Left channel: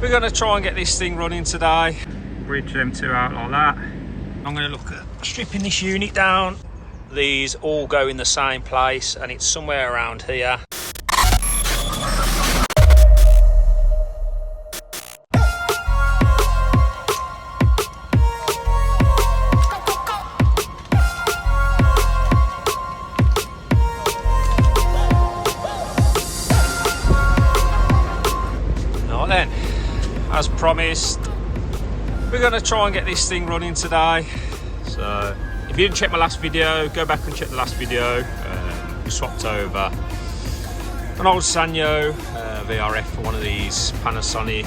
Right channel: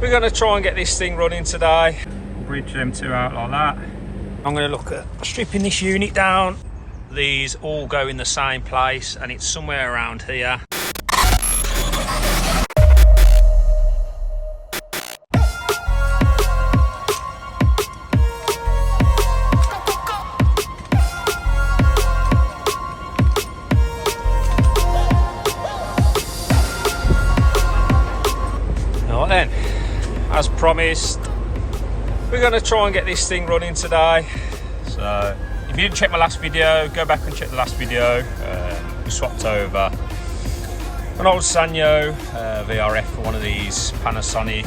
We're going to try and get this thing running today. Bridge them two out like that. I'm going to look at stripping this unit down. These all go in the same place and it's somewhere around here. Then, as promised, we're going to try and get this thing running today. So if you didn't check my last video, go back and check the last video. We swapped over an old Sanyo Vrf for one of these Panasonic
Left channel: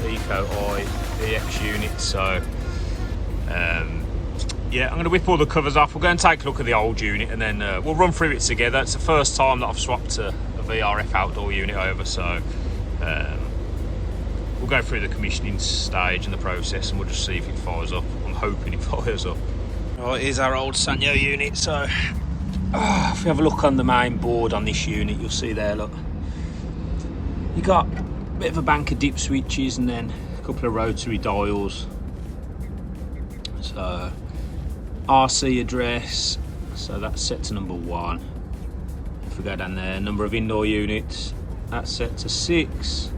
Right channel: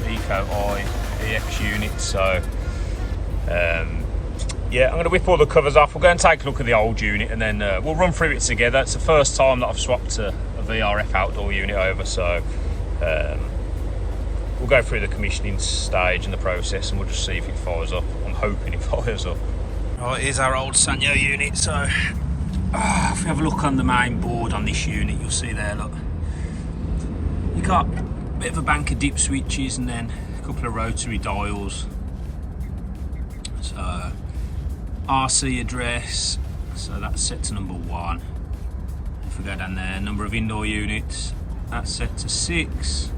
Eco-Eye EX units. So yeah, I'm going to whip all the covers off. We'll go and take a look at the old unit and then we'll run through it together. It's the first time that I've swapped a VRF outdoor unit over, so we'll go through the commissioning stage and the process and we'll just see if it fires up. I'm hoping it fires up. Right, here's our old Sanyo unit. So if we have a look on the main board on this unit, you'll see there, look, you got a bit of a bank of dip switches and then a couple of rotary dials. So RC address, so that's set to number 1. If we go down there, number of indoor units, that's set to 6.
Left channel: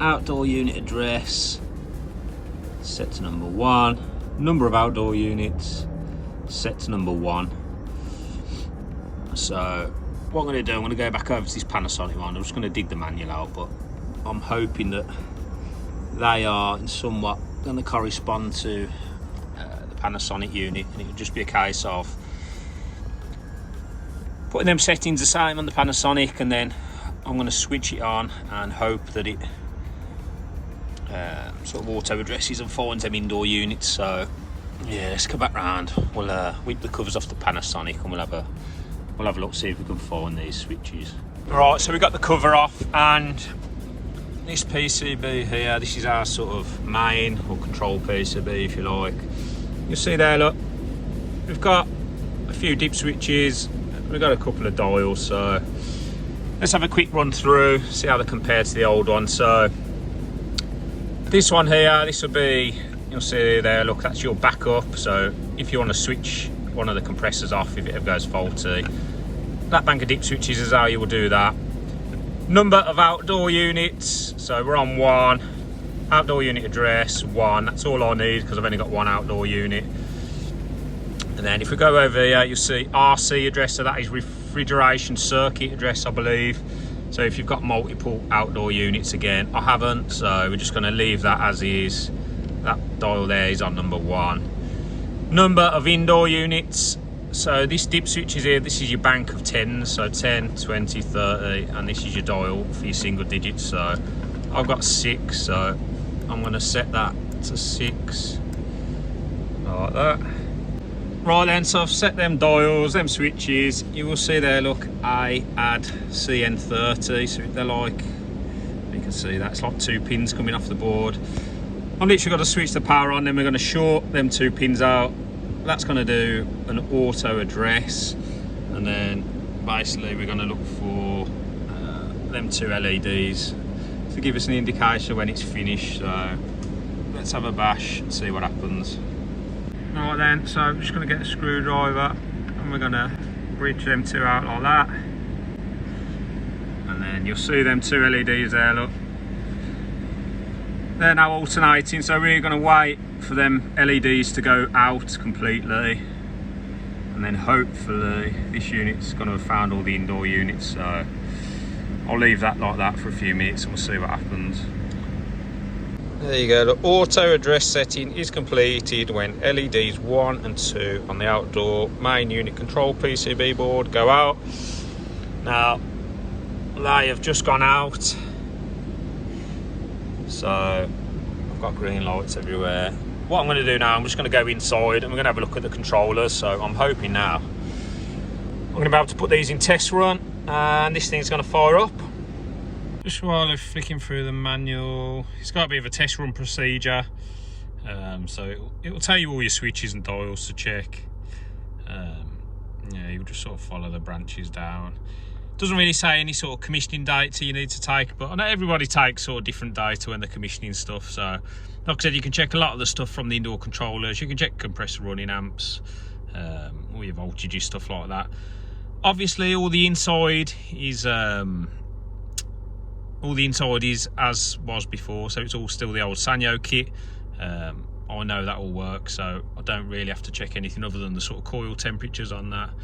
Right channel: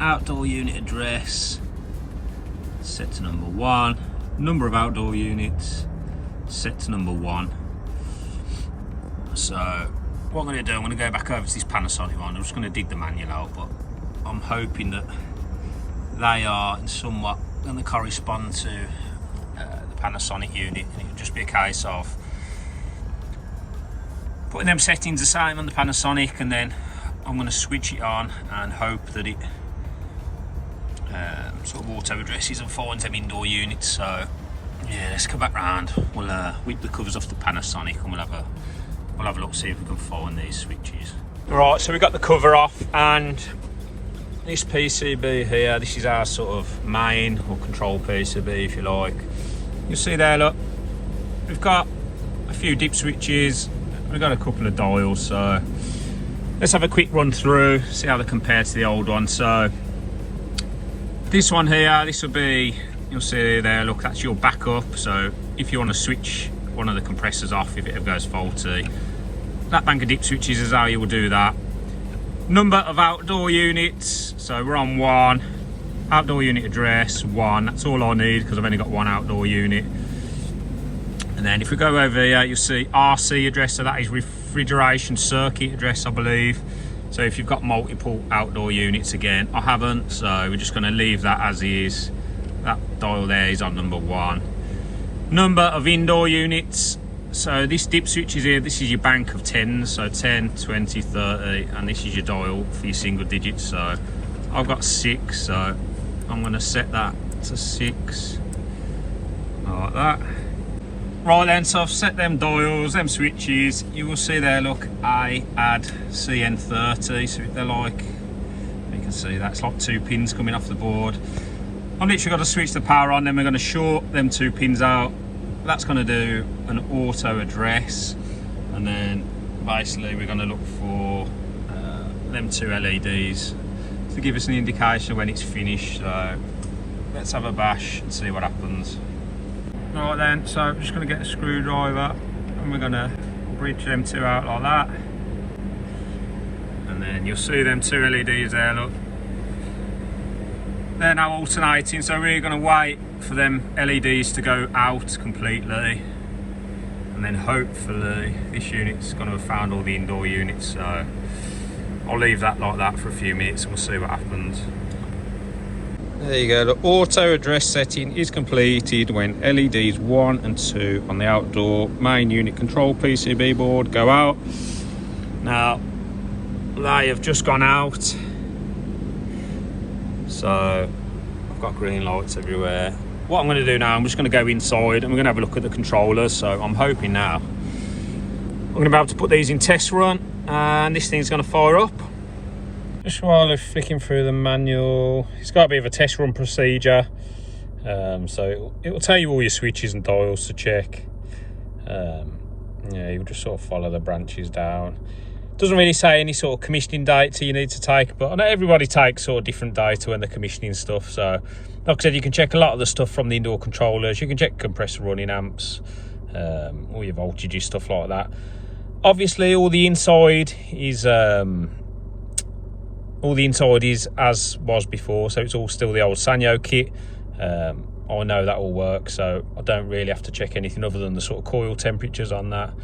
Outdoor unit address set to number 1. Number of outdoor units set to number 1. So what I'm going to do, I'm going to go back over to this Panasonic one. I'm just going to dig the manual out, but I'm hoping that they are somewhat going to correspond to the Panasonic unit, and it'll just be a case of putting them settings the same on the Panasonic, and then I'm going to switch it on and hope that it sort of auto addresses and finds them indoor units. So yeah, let's come back round. We'll whip the covers off the Panasonic and we'll have a look, see if we can find these switches. Right, so we got the cover off, and this PCB here, this is our sort of main or control PCB, if you like. You'll see there, look, we've got a few dip switches, we've got a couple of dials. So let's have a quick run through, see how they compare to the old one. So this one here, this will be, you'll see there, look, that's your backup. So if you want to switch one of the compressors off if it ever goes faulty, that bank of dip switches is how you will do that. Number of outdoor units, so we're on 1. Outdoor unit address 1, that's all I need because I've only got 1 outdoor unit. And then if we go over here, you'll see RC address, so that is refrigeration circuit address, I believe. So if you've got multiple outdoor units, again, I haven't, so we're just going to leave that as is. That dial there is on number 1. Number of indoor units, so this dip switch is here, this is your bank of 10s, so 10, 20, 30, and this is your dial for your single digits. So I've got 6, so I'm going to set that to 6, like that. Right then, so I've set them dials, them switches. You will see there, look, I add CN30, so they're like, you can see that's like 2 pins coming off the board. I've literally got to switch the power on, then we're going to short them 2 pins out. That's going to do an auto address, and then basically we're going to look for them 2 LEDs to give us an indication when it's finished. So let's have a bash and see what happens. Right then, so I'm just going to get the screwdriver and we're going to bridge them 2 out like that, and then you'll see them 2 LEDs there, look, they're now alternating. So we're going to wait for them LEDs to go out completely, and then hopefully this unit's going to have found all the indoor units. So I'll leave that like that for a few minutes and we'll see what happens. There you go, the auto address setting is completed when LEDs 1 and 2 on the outdoor main unit control PCB board go out. Now they have just gone out, so I've got green lights everywhere. What I'm going to do now, I'm just going to go inside and we're going to have a look at the controllers. So I'm hoping now I'm going to be able to put these in test run and this thing's going to fire up. Just while I'm flicking through the manual, it's got a bit of a test run procedure. So it will tell you all your switches and dials to check. Yeah, you just sort of follow the branches down. Doesn't really say any sort of commissioning data you need to take, but I know everybody takes sort of different data when they're commissioning stuff. So like I said, you can check a lot of the stuff from the indoor controllers. You can check compressor running amps, all your voltages, stuff like that. Obviously all the inside is as was before, so it's all still the old Sanyo kit. I know that all works, so I don't really have to check anything other than the sort of coil temperatures on that.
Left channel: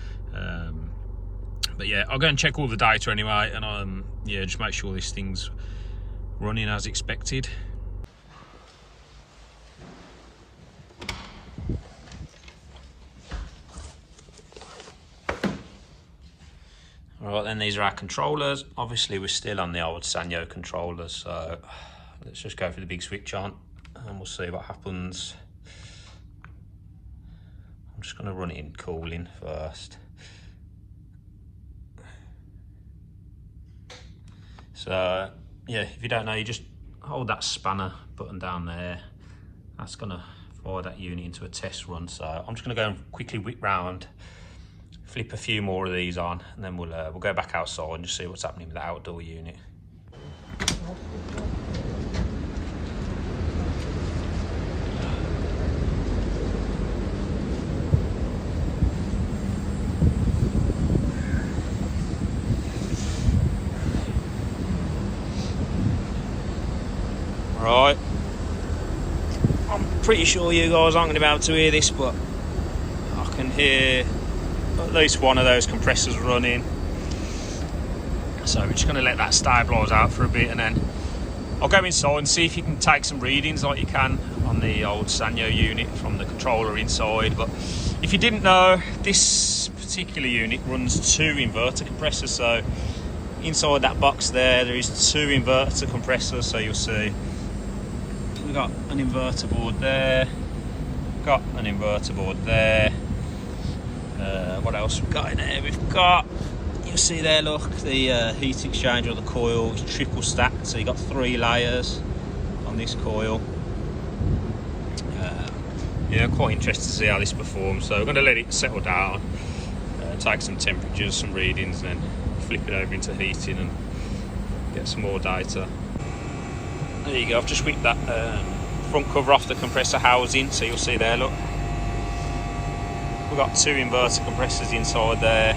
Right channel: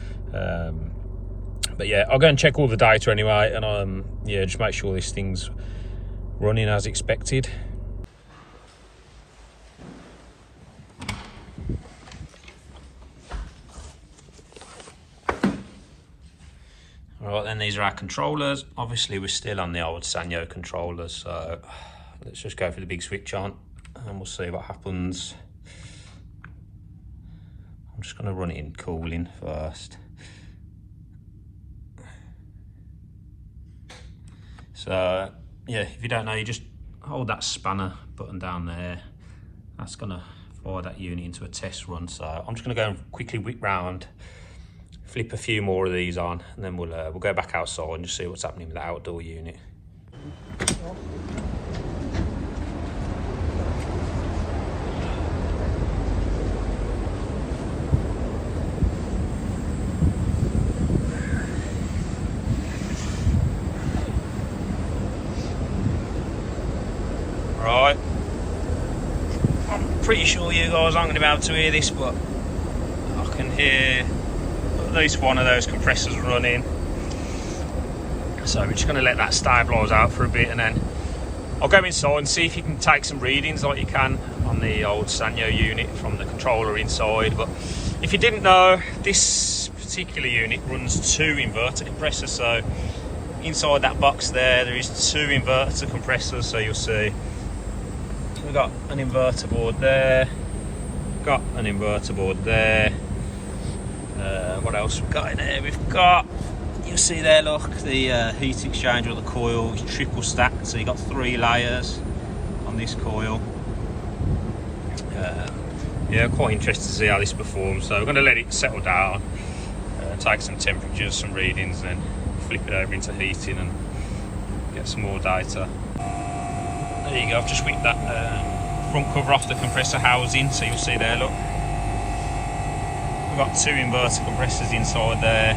But yeah, I'll go and check all the data anyway, and yeah, just make sure this thing's running as expected. Alright then, these are our controllers. Obviously we're still on the old Sanyo controllers, so let's just go for the big switch on and we'll see what happens. I'm just going to run it in cooling first. So yeah, if you don't know, you just hold that spanner button down there. That's going to fire that unit into a test run. So I'm just going to go and quickly whip round, flip a few more of these on, and then we'll go back outside and just see what's happening with the outdoor unit. Right, I'm pretty sure you guys aren't going to be able to hear this, but I can hear at least one of those compressors running. So we're just going to let that stabilise out for a bit, and then I'll go inside and see if you can take some readings like you can on the old Sanyo unit from the controller inside. But if you didn't know, this particular unit runs 2 inverter compressors. So inside that box there is 2 inverter compressors. So you'll see we've got an inverter board there, got an inverter board there. What else we've got in there? We've got, you can see there, look, the heat exchanger of the coil is triple stacked, so you've got 3 layers on this coil. Yeah, I'm quite interested to see how this performs, so we're going to let it settle down, take some temperatures, some readings, and then flip it over into heating and get some more data. There you go, I've just whipped that front cover off the compressor housing, so you'll see there, look. We've got 2 inverter compressors inside there.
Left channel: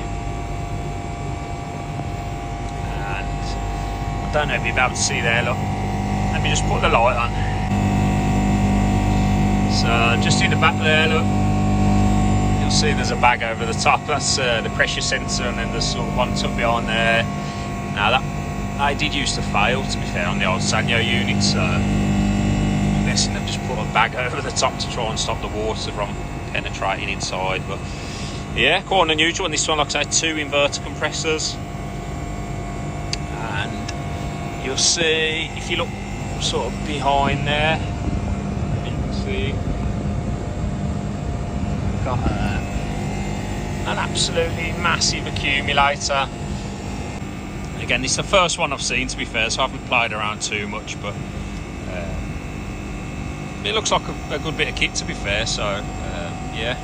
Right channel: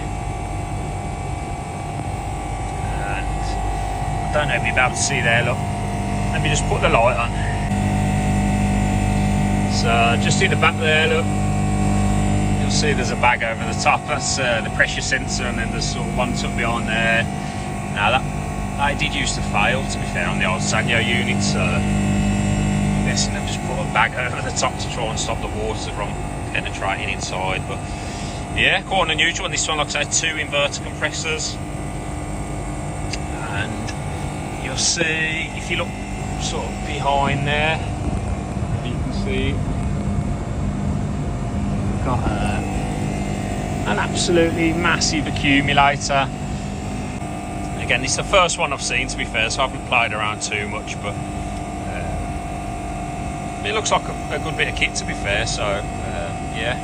And I don't know if you'll be able to see there, look. Let me just put the light on. So just in the back there, look, you'll see there's a bag over the top. That's the pressure sensor, and then there's one tucked behind there. Now that did used to fail, to be fair, on the old Sanyo unit, so I'm guessing they've just put a bag over the top to try and stop the water from penetrating inside. But yeah, quite unusual on this one. Like I say, 2 inverter compressors, and you'll see if you look sort of behind there, you can see got an absolutely massive accumulator. Again, it's the first one I've seen, to be fair, so I haven't played around too much, but it looks like a good bit of kit, to be fair. So yeah,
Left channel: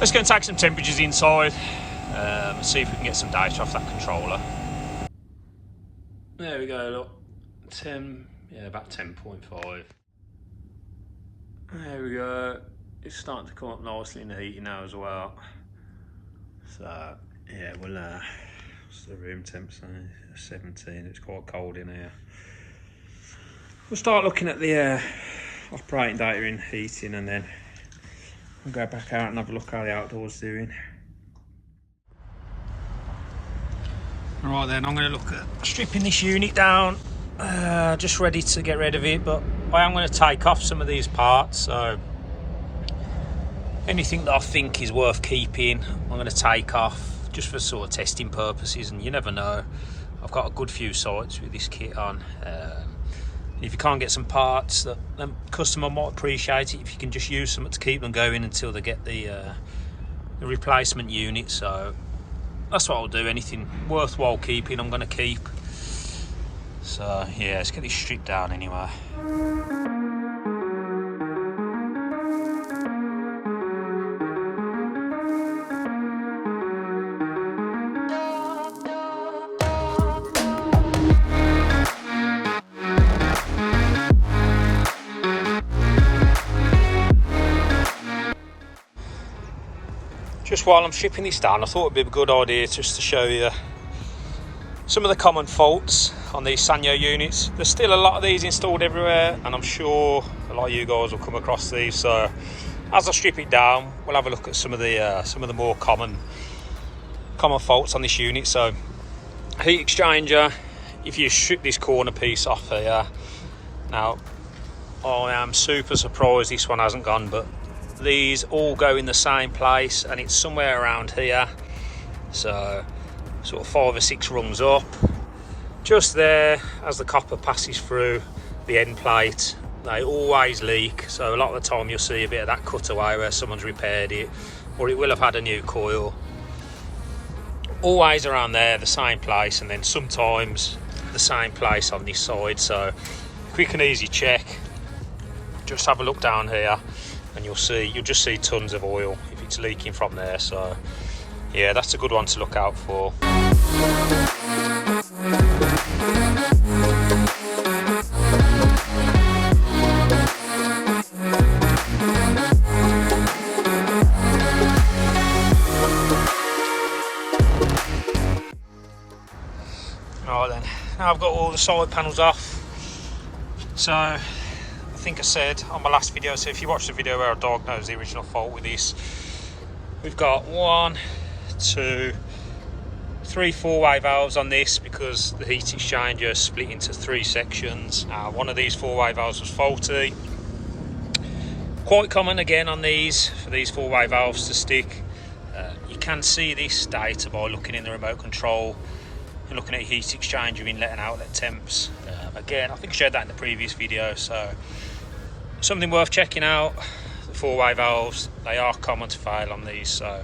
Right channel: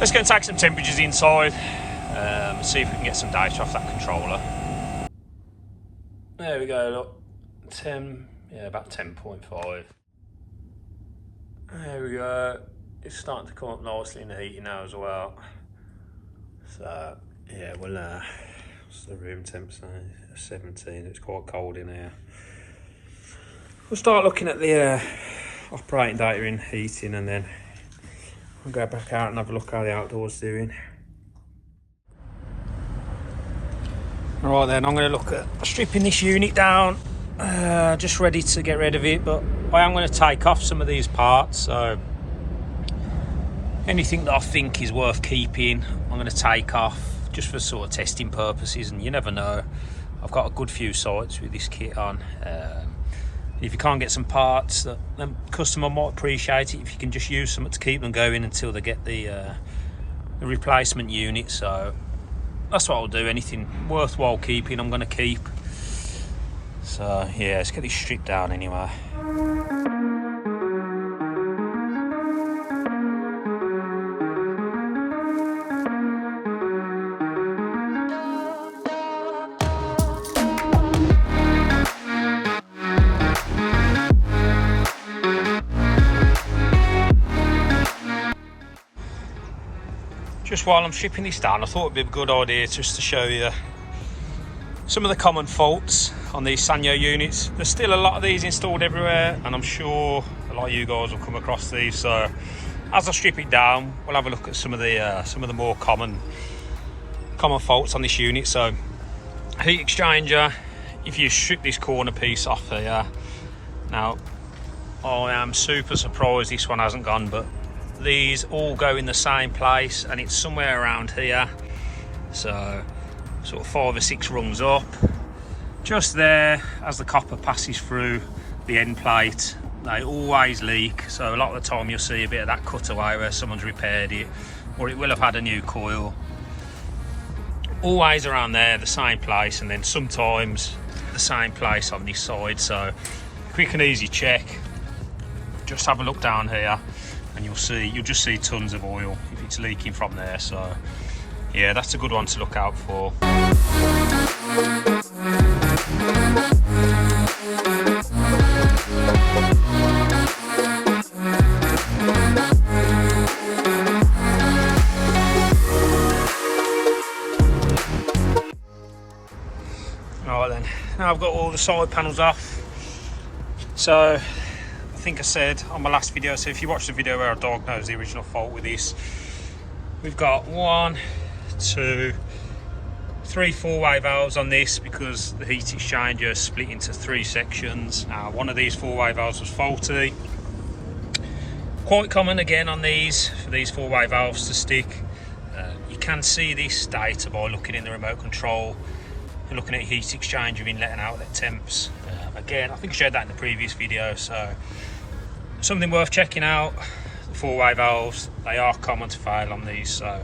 let's go and take some temperatures inside, see if we can get some data off that controller. There we go, look, 10, yeah, about 10.5. There we go, it's starting to come up nicely in the heating now as well. So yeah, well, what's the room temp saying? 17, it's quite cold in here. We'll start looking at the operating data in heating, and then we'll go back out and have a look how the outdoors doing. Alright then, I'm going to look at stripping this unit down, just ready to get rid of it, but I am going to take off some of these parts, so anything that I think is worth keeping I'm going to take off, just for sort of testing purposes, and you never know, I've got a good few sites with this kit on. If you can't get some parts, the customer might appreciate it if you can just use something to keep them going until they get the replacement unit. So that's what I'll do. Anything worthwhile keeping, I'm going to keep. So yeah, let's get this stripped down anyway. just while I'm stripping this down, I thought it'd be a good idea just to show you some of the common faults on these Sanyo units. There's still a lot of these installed everywhere, and I'm sure a lot of you guys will come across these. So as I strip it down, we'll have a look at some of the more common faults on this unit. So heat exchanger, if you strip this corner piece off here, now I am super surprised this one hasn't gone, but these all go in the same place, and it's somewhere around here. So sort of 5 or 6 rungs up, just there as the copper passes through the end plate. They always leak, so a lot of the time you'll see a bit of that cutaway where someone's repaired it, or it will have had a new coil. Always around there, the same place, and then sometimes the same place on this side. So quick and easy check, just have a look down here and you'll just see tons of oil if it's leaking from there. So yeah, that's a good one to look out for. Right then, now I've got all the side panels off. So I think I said on my last video, so if you watch the video where I diagnosed the original fault with this, we've got 1, 2, 3 4-way valves on this because the heat exchanger is split into 3 sections. Now one of these 4-way valves was faulty. Quite common again on these, for these 4-way valves to stick. You can see this data by looking in the remote control and looking at heat exchanger inlet and outlet temps. Again, I think I showed that in the previous video, so something worth checking out. The 4-way valves, they are common to fail on these, so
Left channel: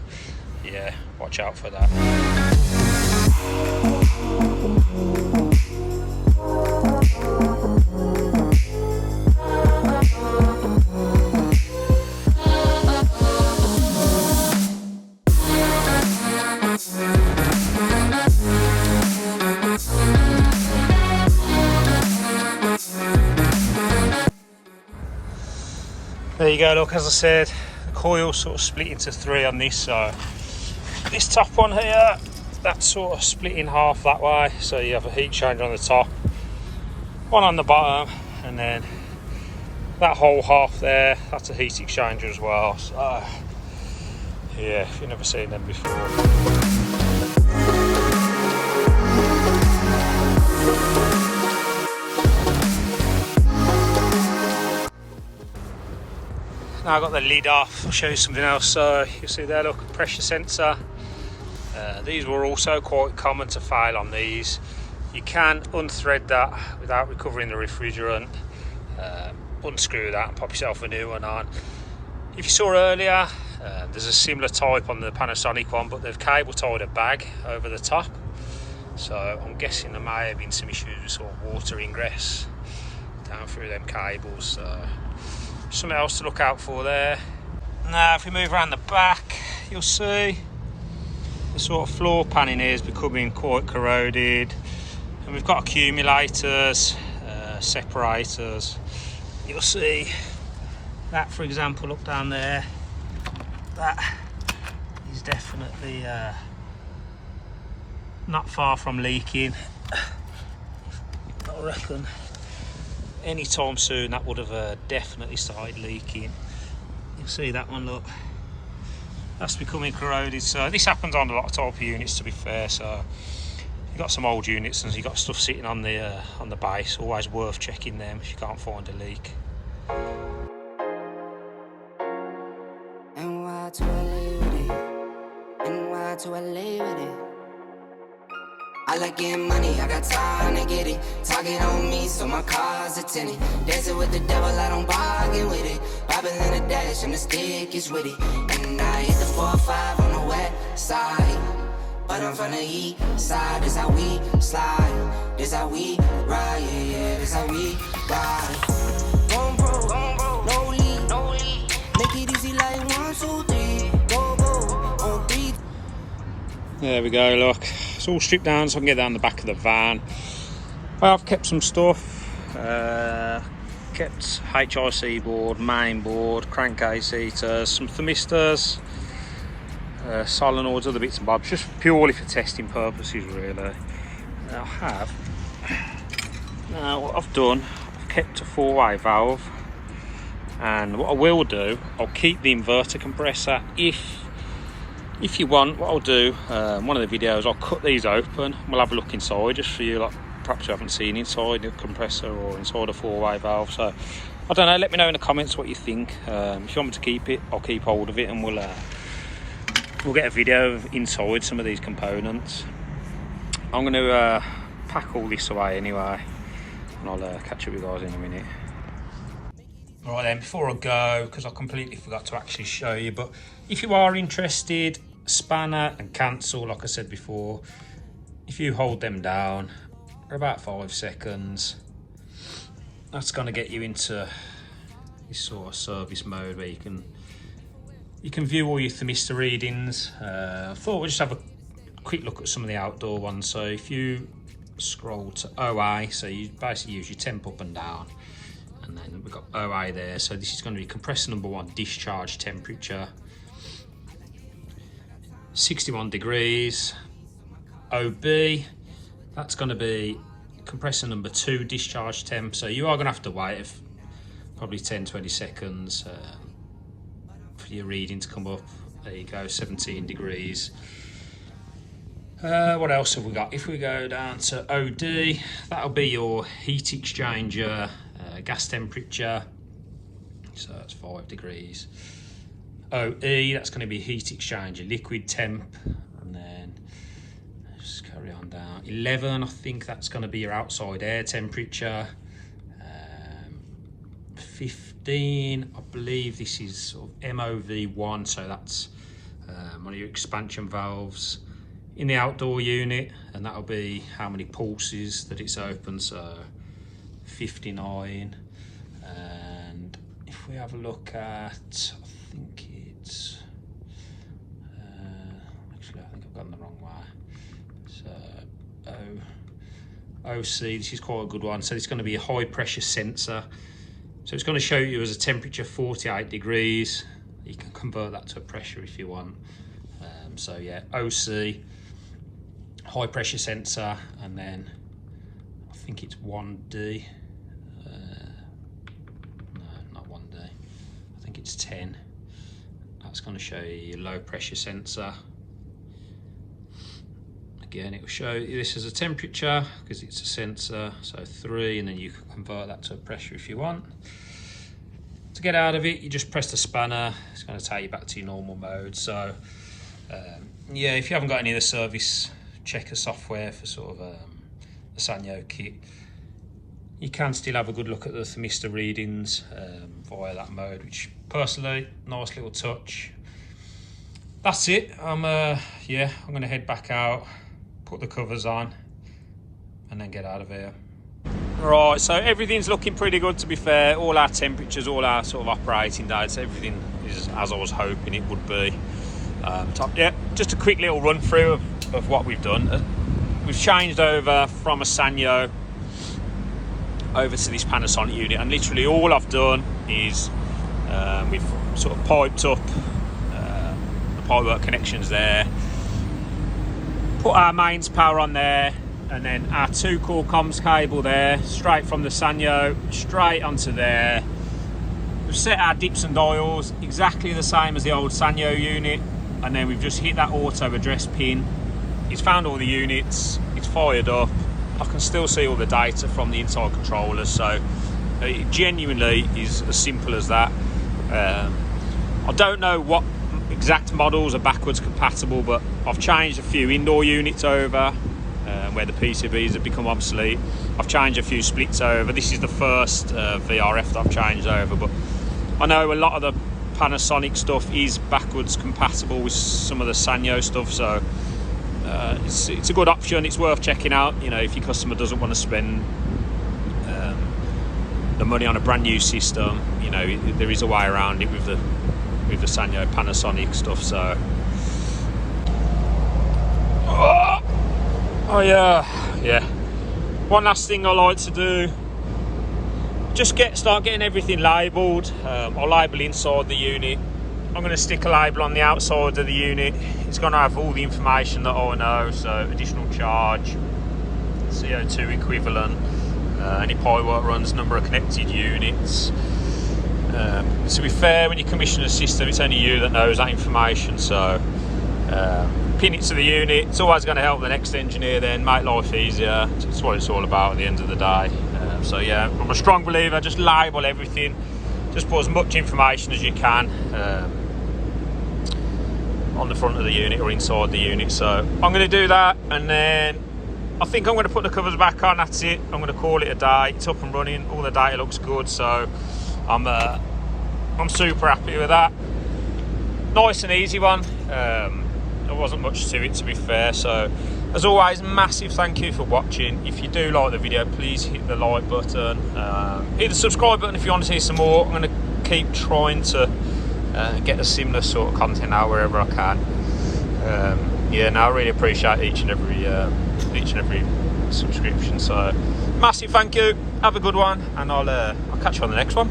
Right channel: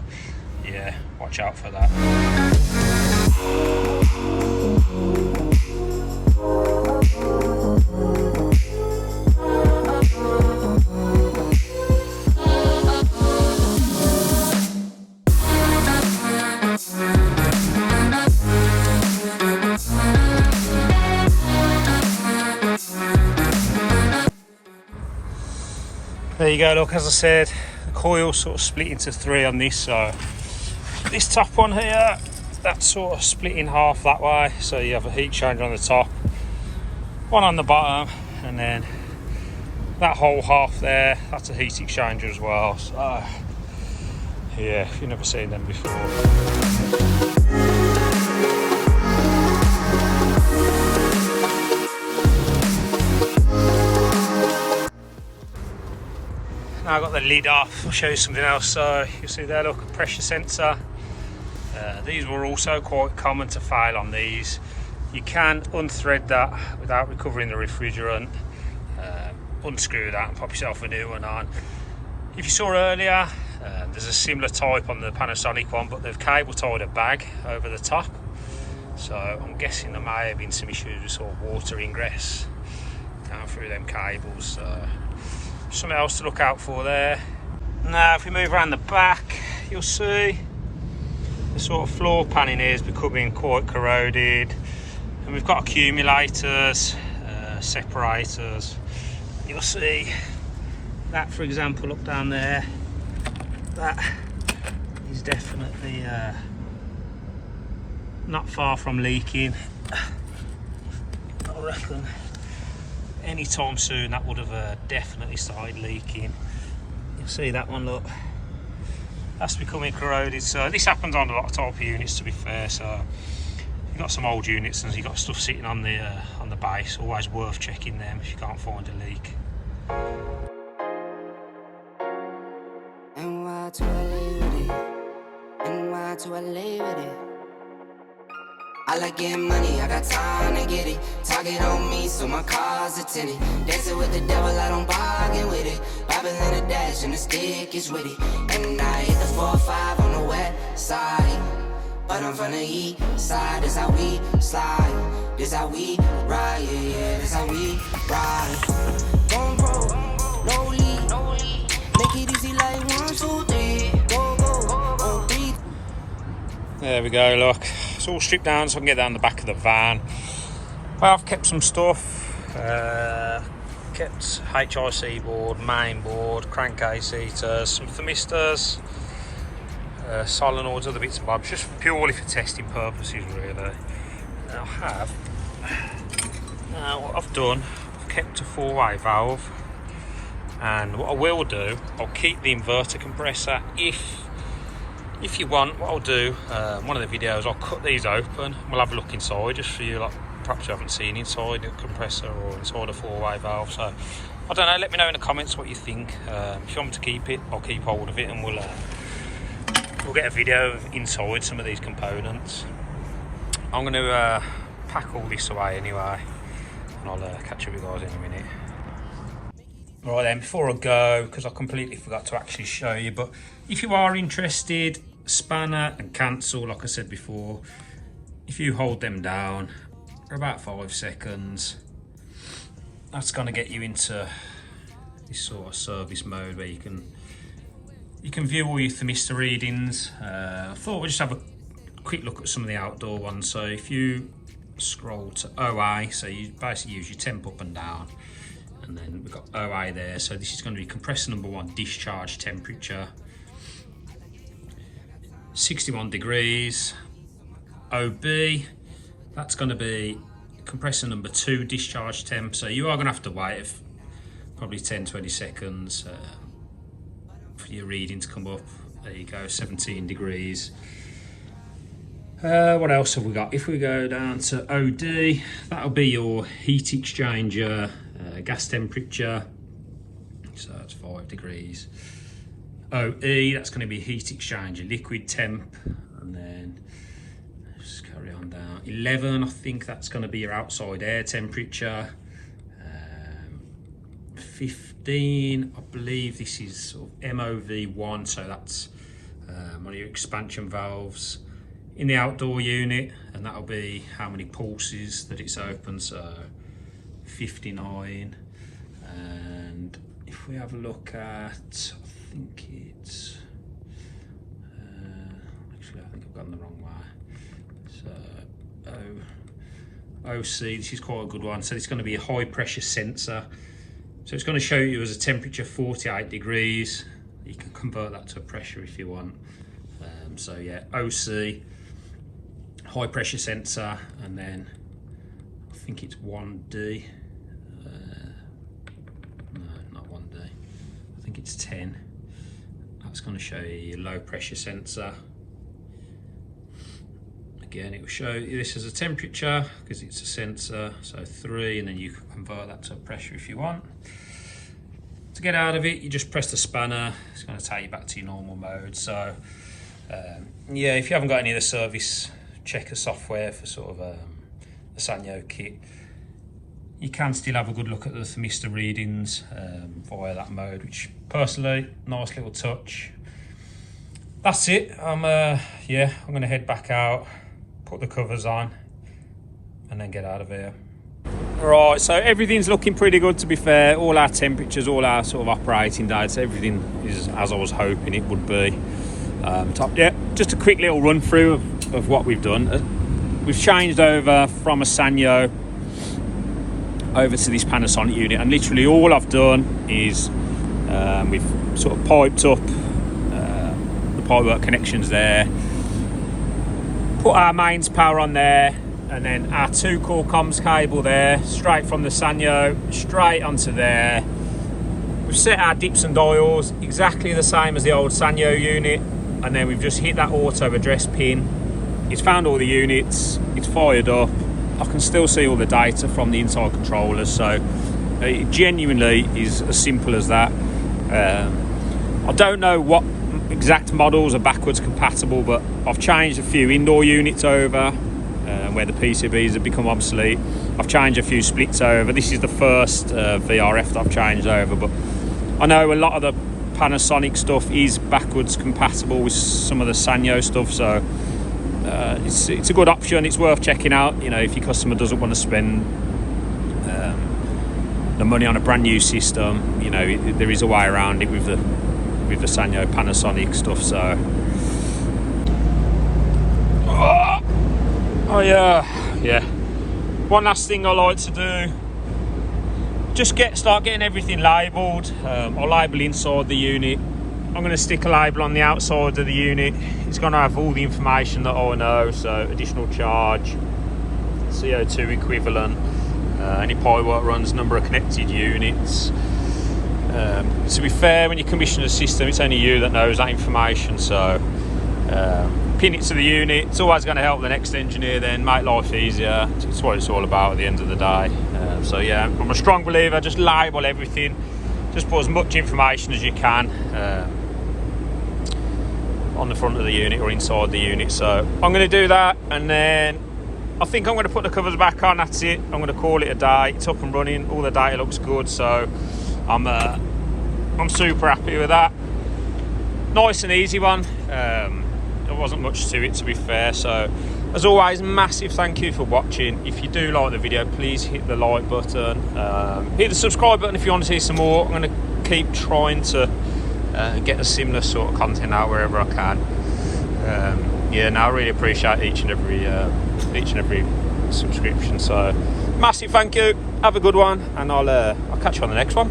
yeah, watch out for that. There you go, look, as I said, the coil sort of split into 3 on this. So this top one here, that's sort of split in half that way. So you have a heat exchanger on the top, one on the bottom, and then that whole half there, that's a heat exchanger as well. So yeah, if you've never seen them before. Now I've got the lid off, I'll show you something else. So you see there, look, a pressure sensor. These were also quite common to fail on these. You can unthread that without recovering the refrigerant, unscrew that and pop yourself a new one on. If you saw earlier, there's a similar type on the Panasonic one, but they've cable tied a bag over the top. So I'm guessing there may have been some issues with sort of water ingress down through them cables. So something else to look out for there. Now if we move around the back, you'll see the sort of floor panning here is becoming quite corroded, and we've got accumulators, separators. You'll see that, for example, look down there, that is definitely not far from leaking. I reckon anytime soon that would have definitely started leaking. You'll see that one, look, that's becoming corroded. So this happens on a lot of type of units, to be fair. So you've got some old units and you've got stuff sitting on the base, always worth checking them if you can't find a leak. And why to LA with it? And why to LA with it? I like getting money, I got time to get it. Target on me, so my car's a tenant. Dancing with the devil, I don't bargain with it. Bobbing in the dash, and the stick is with it. And I hit the 4-5 on the west side, but I'm from the east side. This how we slide, this how we ride, yeah, yeah, this how we ride. Gon' bro, no lead, make it easy like 1, 2, 3. Go, on 3. There we go, look, it's all stripped down so I can get down the back of the van. I've kept some stuff, kept HIC board, main board, crankcase heaters, some thermistors, solenoids, other bits and bobs, just purely for testing purposes really. Now what I've done, I've kept a 4-way valve, and what I will do, I'll keep the inverter compressor. If you want, what I'll do, one of the videos, I'll cut these open, we'll have a look inside just for you, like perhaps you haven't seen inside the compressor or inside a 4-way valve. So I don't know, let me know in the comments what you think. If you want me to keep it, I'll keep hold of it, and we'll get a video of inside some of these components. I'm going to pack all this away anyway, and I'll catch up with you guys in a minute. Right then, before I go, because I completely forgot to actually show you, but if you are interested, spanner and cancel, like I said before, if you hold them down for about 5 seconds, that's going to get you into this sort of service mode where you can view all your thermistor readings. I thought we'd just have a quick look at some of the outdoor ones. So if you scroll to OA, so you basically use your temp up and down, and then we've got OA there. So this is going to be compressor number 1 discharge temperature, 61 degrees. OB, that's going to be compressor number 2 discharge temp. So you are going to have to wait probably 10-20 seconds for your reading to come up. There you go, 17 degrees. What else have we got? If we go down to OD, that'll be your heat exchanger gas temperature, so that's 5 degrees. OE, that's going to be heat exchanger liquid temp, and then just carry on down. 11, I think that's going to be your outside air temperature. 15, I believe this is sort of MOV1, so that's one of your expansion valves in the outdoor unit, and that'll be how many pulses that it's open, so 59. And if we have a look at, I think it's actually I think I've gone the wrong way. So OC, this is quite a good one. So it's going to be a high pressure sensor, so it's going to show you as a temperature 48 degrees. You can convert that to a pressure if you want. So yeah, OC, high pressure sensor, and then I think it's 1D. No, not 1D. I think it's 10. That's going to show you your low pressure sensor. Again, it will show you this as a temperature because it's a sensor. So 3, and then you can convert that to a pressure if you want. To get out of it, you just press the spanner. It's going to take you back to your normal mode. So yeah, if you haven't got any of the service checker software for sort of a Sanyo kit, you can still have a good look at the thermistor readings via that mode, which personally, nice little touch. That's it. I'm going to head back out, put the covers on, and then get out of here. Right, so everything's looking pretty good, to be fair. All our temperatures, all our sort of operating dates, everything is as I was hoping it would be. Yeah, just a quick little run through of what we've done. We've changed over from a Sanyo over to this Panasonic unit, and literally all I've done is we've sort of piped up the pipework connections there, put our mains power on there, and then our 2-core comms cable there, straight from the Sanyo straight onto there. We've set our dips and dials exactly the same as the old Sanyo unit, and then we've just hit that auto address pin. It's found all the units, it's fired up. I can still see all the data from the inside controllers, so it genuinely is as simple as that. I don't know what exact models are backwards compatible, but I've changed a few indoor units over where the PCBs have become obsolete. I've changed a few splits over. This is the first VRF that I've changed over, but I know a lot of the Panasonic stuff is backwards compatible with some of the Sanyo stuff, so it's a good option. It's worth checking out, you know, if your customer doesn't want to spend the money on a brand new system. You know, there is a way around it with the Sanyo Panasonic stuff. So yeah, one last thing I like to do, just start getting everything labelled. I'll label inside the unit I'm going to stick a label on the outside of the unit. It's going to have all the information that I know, so additional charge, CO2 equivalent, any pipework runs, number of connected units. To be fair, when you commission a system, it's only you that knows that information, so pin it to the unit. It's always going to help the next engineer then, make life easier. That's what it's all about at the end of the day. So yeah, I'm a strong believer, just label everything, just put as much information as you can on the front of the unit or inside the unit. So I'm going to do that, and then I think I'm going to put the covers back on. That's it. I'm going to call it a day. It's up and running, all the data looks good, so I'm super happy with that. Nice and easy one. There wasn't much to it, to be fair. So as always, massive thank you for watching. If you do like the video, please hit the like button, hit the subscribe button if you want to see some more. I'm going to keep trying to get a similar sort of content out wherever I can. Yeah, no, I really appreciate each and every subscription. So massive thank you. Have a good one, and I'll catch you on the next one.